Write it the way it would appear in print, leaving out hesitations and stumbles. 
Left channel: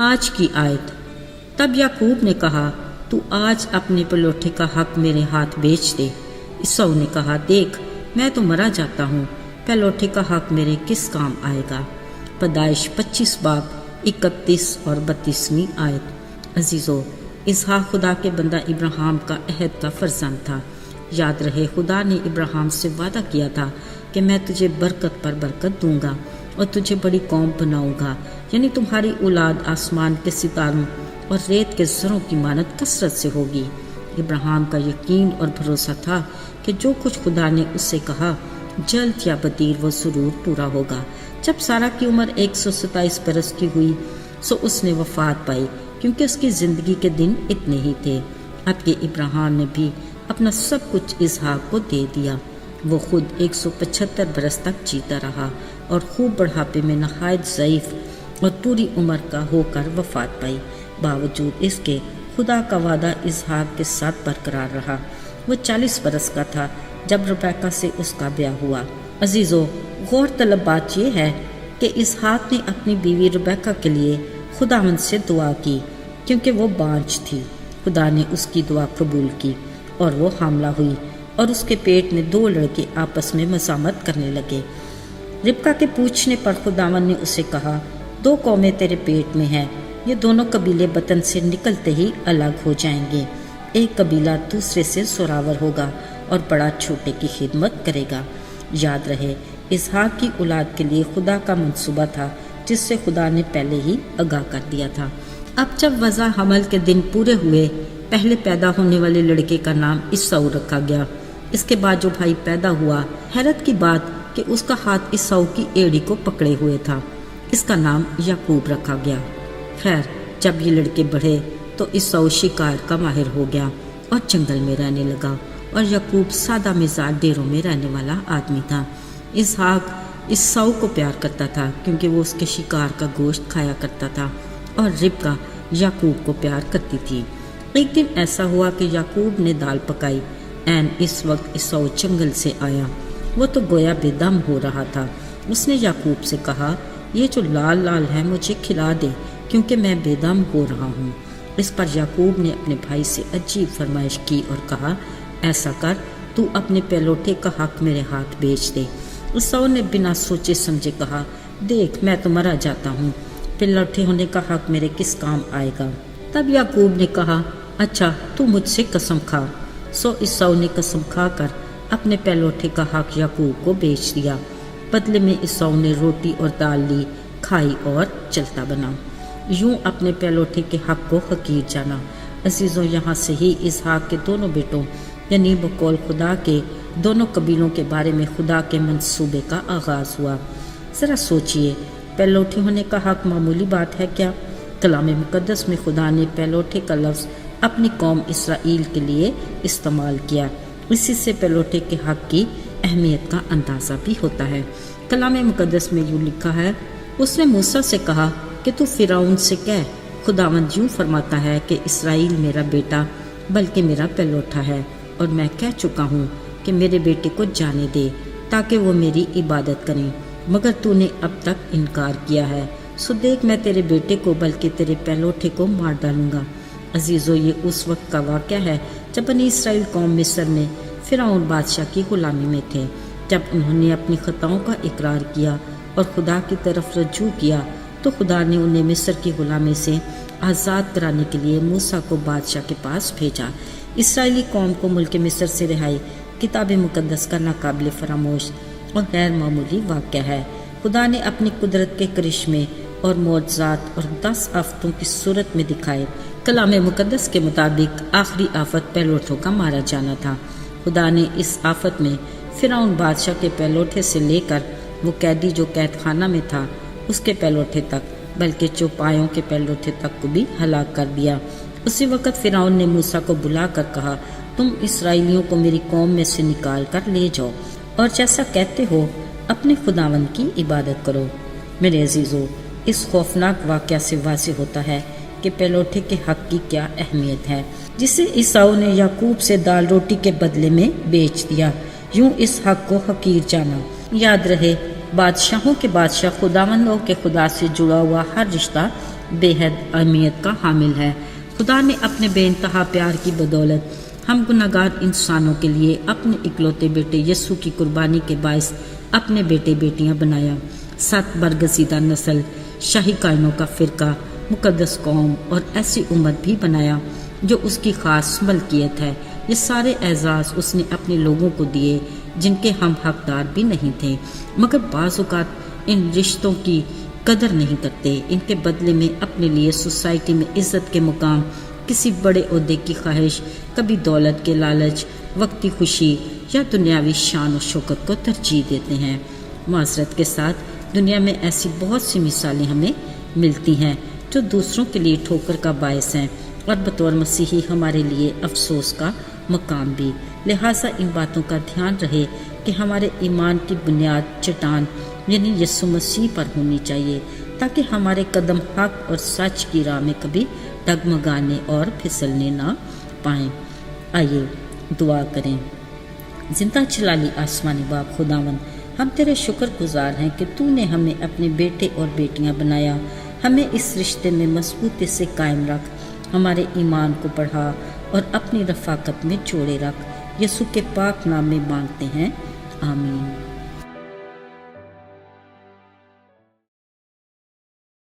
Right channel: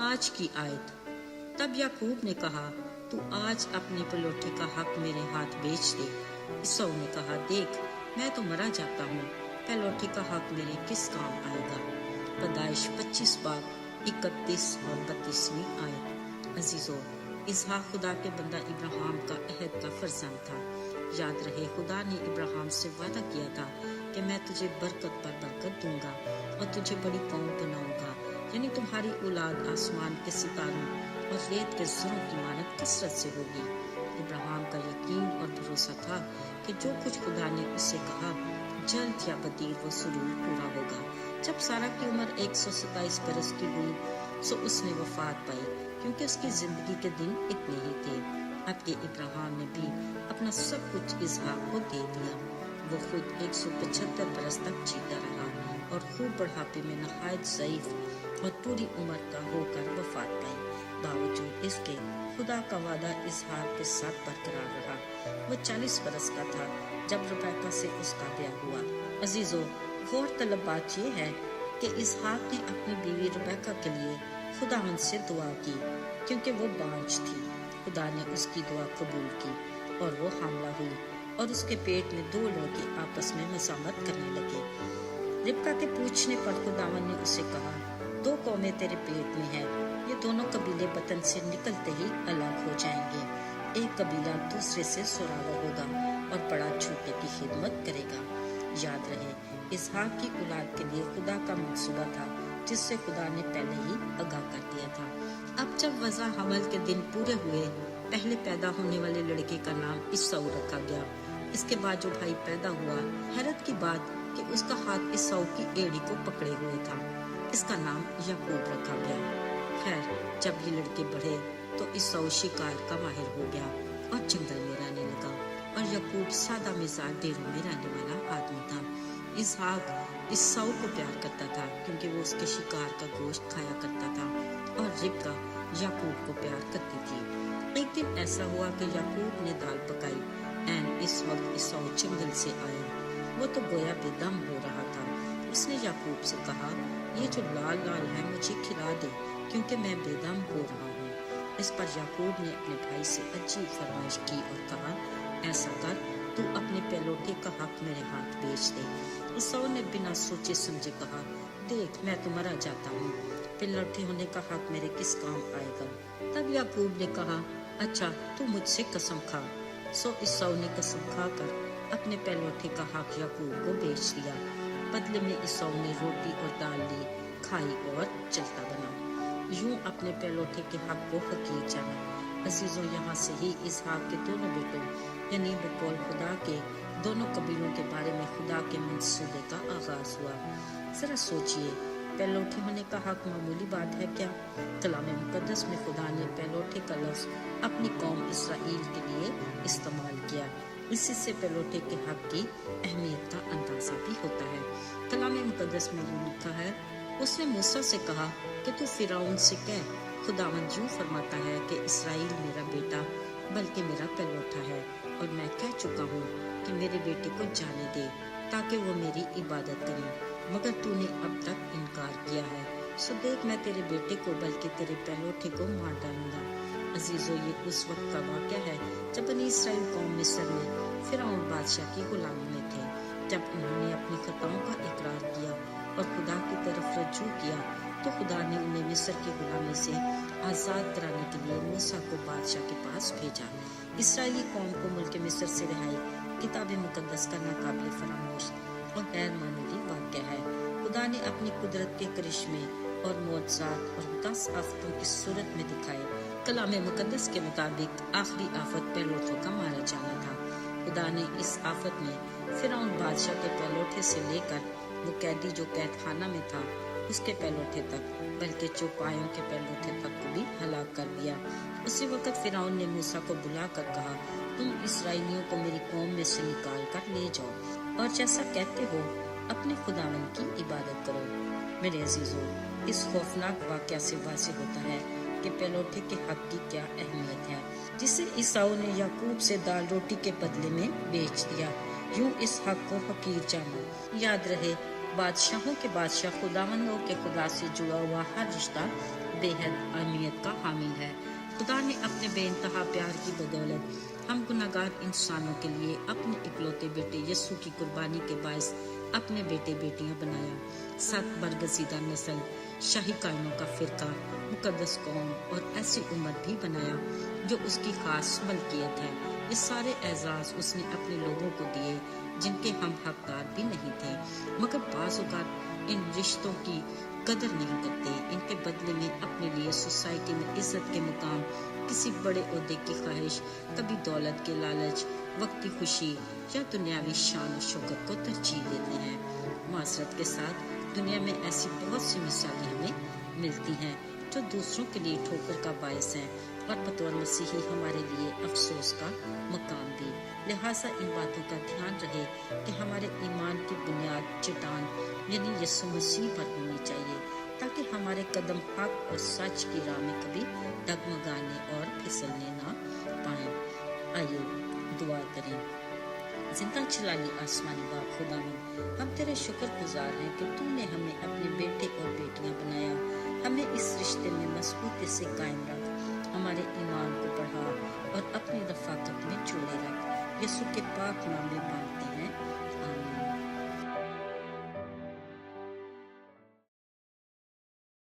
آج کی آیت۔ تب یعقوب نے کہا تو آج اپنے پلوٹھے کا حق میرے ہاتھ بیچ دے۔ عیسیٰ نے کہا دیکھ میں تو مرا جاتا ہوں، پلوٹھے کا حق میرے کس کام آئے گا؟ پیدائش 25 باب 31 اور 32 آیت۔ عزیزو، اسحاق خدا کے بندہ ابراہیم کا عہد کا فرزند تھا۔ یاد رہے خدا نے ابراہیم سے وعدہ کیا تھا کہ میں تجھے برکت پر برکت دوں گا اور تجھے بڑی قوم بناؤں گا، یعنی تمہاری اولاد آسمان کے ستاروں اور ریت کے زروں کی مانند کثرت سے ہوگی۔ ابراہیم کا یقین اور بھروسہ تھا کہ جو کچھ خدا نے اس سے کہا جلد یا بدیر وہ ضرور پورا ہوگا۔ جب سارہ کی عمر 127 برس کی ہوئی سو اس نے وفات پائی، کیونکہ اس کی زندگی کے دن اتنے ہی تھے۔ اب کہ ابراہیم نے بھی اپنا سب کچھ اسحاق کو دے دیا، وہ خود 175 برس تک جیتا رہا اور خوب بڑھاپے میں نہایت ضعیف اور پوری عمر کا ہو کر وفات پائی۔ باوجود اس کے خدا کا وعدہ اسحاق کے ساتھ برقرار رہا۔ وہ 40 برس کا تھا جب ربیکہ سے اس کا بیاہ ہوا۔ عزیزو، غور طلب بات یہ ہے کہ اسحاق نے اپنی بیوی ربیکہ کے لیے خداوند سے دعا کی، کیونکہ وہ بانجھ تھی۔ خدا نے اس کی دعا قبول کی اور وہ حاملہ ہوئی، اور اس کے پیٹ میں 2 لڑکے آپس میں مزاحمت کرنے لگے۔ ربکہ کے پوچھنے پر خداوند نے اسے کہا 2 قومیں تیرے پیٹ میں ہیں، یہ دونوں قبیلے وطن سے نکلتے ہی الگ ہو جائیں گے، ایک قبیلہ دوسرے سے زوراور ہوگا اور بڑا چھوٹے کی خدمت کرے گا۔ یاد رہے اسحاق کی اولاد کے لیے خدا کا منصوبہ تھا، جس سے خدا نے پہلے ہی آگاہ کر دیا تھا۔ اب جب وضع حمل کے دن پورے ہوئے، پہلے پیدا ہونے والے لڑکے کا نام عیساؤ رکھا گیا۔ اس کے بعد جو بھائی پیدا ہوا، حیرت کی بات کہ اس کا ہاتھ عیساؤ کی ایڑی کو پکڑے ہوئے تھا، اس کا نام یعقوب رکھا گیا۔ خیر، جب یہ لڑکے بڑھے تو عیساؤ شکار کا ماہر ہو گیا اور جنگل میں رہنے لگا، اور یعقوب سادہ مزاج ڈیروں میں رہنے والا آدمی تھا۔ اسحاق عیساؤ کو پیار کرتا تھا کیونکہ وہ اس کے شکار کا گوشت کھایا کرتا تھا، اور ربکہ یعقوب کو پیار کرتی تھی۔ ایک دن ایسا ہوا کہ یعقوب نے دال پکائی، عین اس وقت عیساؤ جنگل سے آیا۔ وہ تو گویا بے دم ہو رہا تھا۔ اس نے یعقوب سے کہا یہ جو لال لال ہے مجھے کھلا دے، کیونکہ میں بے دم ہو رہا ہوں۔ اس پر یعقوب نے اپنے بھائی سے عجیب فرمائش کی اور کہا ایسا کر، تو اپنے پہلوٹے کا حق میرے ہاتھ بیچ دے۔ عیساؤ نے بنا سوچے سمجھے کہا دیکھ میں تو مرا جاتا ہوں، پہلوٹے ہونے کا حق میرے کس کام آئے گا؟ تب یعقوب نے کہا اچھا تو مجھ سے قسم کھا۔ سو عیساؤ نے قسم کھا کر اپنے پہلوٹے کا حق یعقوب کو بیچ دیا۔ بدلے میں عیساؤ نے روٹی اور دال لی، کھائی اور چلتا بنا، یوں اپنے پہلوٹے کے حق کو حقیر جانا۔ عزیزوں، یہاں سے ہی اسحاق کے دونوں بیٹوں یعنی بقول خدا کے دونوں قبیلوں کے بارے میں خدا کے منصوبے کا آغاز ہوا۔ ذرا سوچئے، پہلوٹے ہونے کا حق معمولی بات ہے کیا؟ کلام مقدس میں خدا نے پہلوٹے کا لفظ اپنی قوم اسرائیل کے لیے استعمال کیا۔ اسی سے پہلوٹے کے حق کی اہمیت کا اندازہ بھی ہوتا ہے۔ کلام مقدس میں یوں لکھا ہے اس نے موسیٰ سے کہا کہ تو فرعون سے کہہ خداوند یوں فرماتا ہے کہ اسرائیل میرا بیٹا بلکہ میرا پہلوٹا ہے، اور میں کہہ چکا ہوں کہ میرے بیٹے کو جانے دے تاکہ وہ میری عبادت کریں، مگر تو نے اب تک انکار کیا ہے، سو دیکھ میں تیرے بیٹے کو بلکہ تیرے پہلوٹے کو مار ڈالوں گا۔ عزیزو، یہ اس وقت کا واقعہ ہے جب بنی اسرائیل قوم مصر میں فرعون بادشاہ کی غلامی میں تھے۔ جب انہوں نے اپنی خطاؤں کا اقرار کیا اور خدا کی طرف رجوع کیا تو خدا نے انہیں مصر کی غلامی سے آزاد کرانے کے لیے موسیٰ کو بادشاہ کے پاس بھیجا۔ اسرائیلی قوم کو ملک مصر سے رہائی کتاب مقدس کا ناقابل فراموش اور غیر معمولی واقعہ ہے۔ خدا نے اپنی قدرت کے کرشمے اور معجزات اور 10 آفتوں کی صورت میں دکھائے۔ کلام مقدس کے مطابق آخری آفت پہلوٹوں کا مارا جانا تھا۔ خدا نے اس آفت میں فرعون بادشاہ کے پہلوٹے سے لے کر وہ قیدی جو قید خانہ میں تھا اس کے پہلوٹے تک، بلکہ چوپایوں کے پہلوٹے تک کو بھی ہلاک کر دیا۔ اسی وقت فرعون نے موسیٰ کو بلا کر کہا تم اسرائیلیوں کو میری قوم میں سے نکال کر لے جاؤ اور جیسا کہتے ہو اپنے خداوند کی عبادت کرو۔ میرے عزیزو، اس خوفناک واقعہ سے واضح ہوتا ہے کہ پہلوٹے کے حق کی کیا اہمیت ہے، جسے عیساؤ نے یعقوب سے دال روٹی کے بدلے میں بیچ دیا، یوں اس حق کو حقیر جانا۔ یاد رہے بادشاہوں کے بادشاہ خداوندوں کے خدا سے جڑا ہوا ہر رشتہ بے حد اہمیت کا حامل ہے۔ خدا نے اپنے بے انتہا پیار کی بدولت ہم گناہگار انسانوں کے لیے اپنے اکلوتے بیٹے یسوع کی قربانی کے باعث اپنے بیٹے بیٹیاں بنایا۔ 7 برگزیدہ نسل، شاہی کائنوں کا فرقہ، مقدس قوم اور ایسی امت بھی بنایا جو اس کی خاص ملکیت ہے۔ یہ سارے اعزاز اس نے اپنے لوگوں کو دیے جن کے ہم حقدار بھی نہیں تھے، مگر بعض اوقات ان رشتوں کی قدر نہیں کرتے۔ ان کے بدلے میں اپنے لیے سوسائٹی میں عزت کے مقام، کسی بڑے عہدے کی خواہش، کبھی دولت کے لالچ، وقتی خوشی یا دنیاوی شان و شوکت کو ترجیح دیتے ہیں۔ معذرت کے ساتھ دنیا میں ایسی بہت سی مثالیں ہمیں ملتی ہیں جو دوسروں کے لیے ٹھوکر کا باعث ہیں اور بطور مسیحی ہمارے لیے افسوس کا مقام بھی۔ لہٰذا ان باتوں کا دھیان رہے کہ ہمارے ایمان کی بنیاد چٹان یعنی یسوع مسیح پر ہونی چاہیے، تاکہ ہمارے قدم حق اور سچ کی راہ میں کبھی ڈگمگانے اور پھسلنے نہ پائیں۔ آئیے دعا کریں۔ زندہ جلالی آسمانی باپ خداوند، ہم تیرے شکر گزار ہیں کہ تو نے ہمیں اپنے بیٹے اور بیٹیاں بنایا۔ ہمیں اس رشتے میں مضبوطی سے قائم رکھ، ہمارے ایمان کو بڑھا اور اپنی رفاقت میں جوڑے رکھ۔ یسوع کے پاک نام میں مانگتے ہیں، آمین۔